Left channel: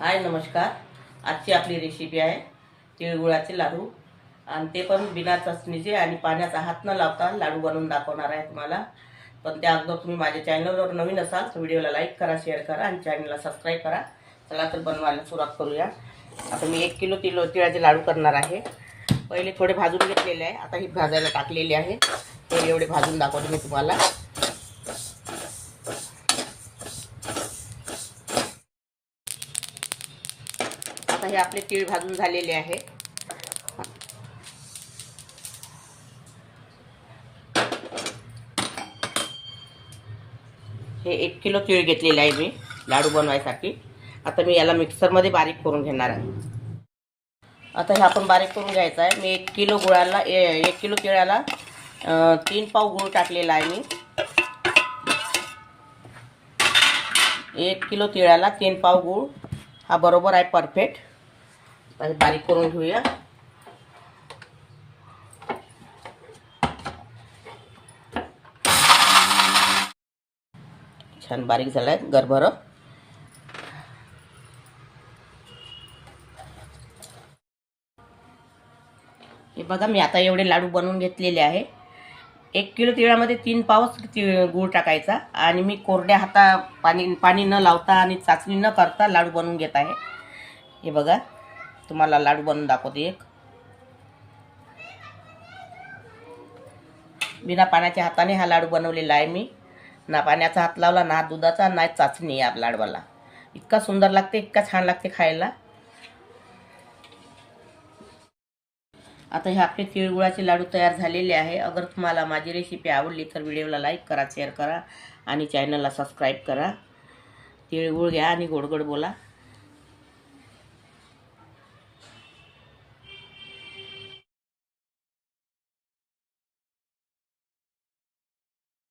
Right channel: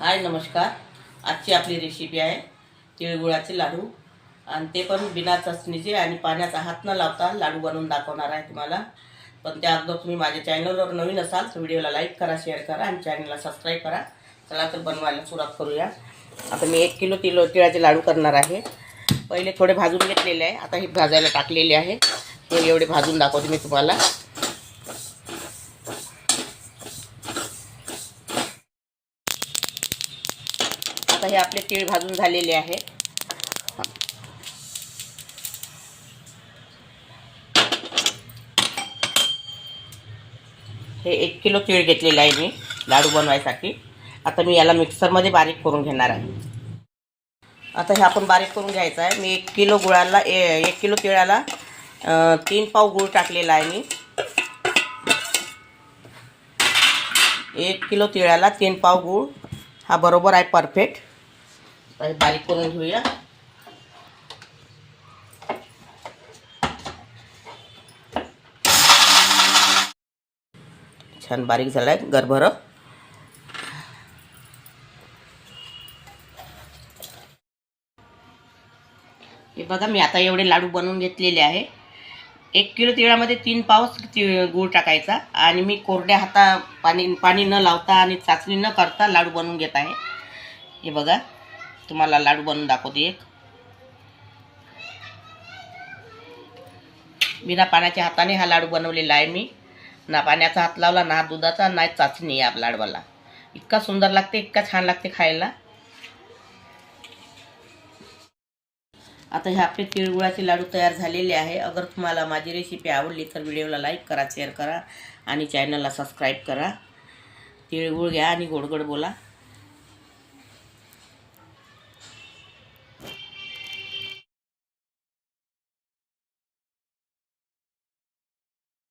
हाय नमस्कार. आजची आपली रेसिपी आहे तिळगुळाचे लाडू. आणि ते पण बिना चटणीचे आणि पाण्याचा हात न लावता लाडू बनवून दाखवणार आहे तुम्हाला. पण त्या अगोदर तुम्ही माझ्या चॅनलवर नवीन असाल तर व्हिडिओला लाईक करा शेअर करा आणि चॅनलला सबस्क्राईब करा. चला तर बनवायला सुरुवात करूया. आता मी एक किलो तिलो तिळाचे लाडू करणार आहे. पहिले थोडे भाजून घेतलेले आहे. आता हे भाजायला टाकलेले आहे. हे एवढे भाजून दाखवते मी तुम्हाला. आता हे आपले तीळ भाजून झालेले आहे. हे एक किलो तीळ घेतलेलं आहे मी लाडू बनवायसाठी. आता मी याला मिक्सरमध्ये बारीक करून घेणार आहे. आता हे आपण बारीक करून घ्यायचं आहे. मी एक किलो गुळाला ए- एक किलो तिळाला तीन पाव गुळ टाकलेला आहे मी. एक किलो तिळाला तीन पाव गूळ. हा बरोबर आहे परफेक्ट. आता बारीक करून घेऊया छान बारीक झाला आहे गरभर हे बघा मी आता एवढे लाडू बनवून घेतलेले आहे. एक किलो तिळामध्ये तीन पाऊस गूळ टाकायचा आणि मी कोरड्या हाता पाणी पाणी न लावता आणि चाचणी न करता लाडू बनवून घेत आहे. हे बघा. तुम्हाला लाडू बनवून दाखवते एक. बिना पाण्याच्या हाताने हा लाडू बनवलेला आहे मी. ना पाण्याचा हात लावला ना दुधाचा ना चाचणी या लाडवाला. इतका सुंदर लागते इतका छान लागते खायला. आता हे आपले तिळगुळाचे लाडू तयार झालेले आहे. अगर तुम्हाला माझी रेसिपी आवडली तर व्हिडिओला लाईक करा शेअर करा आणि चॅनलला सबस्क्राईब करा. तिळगुळ घ्या आणि गोडगोड बोला.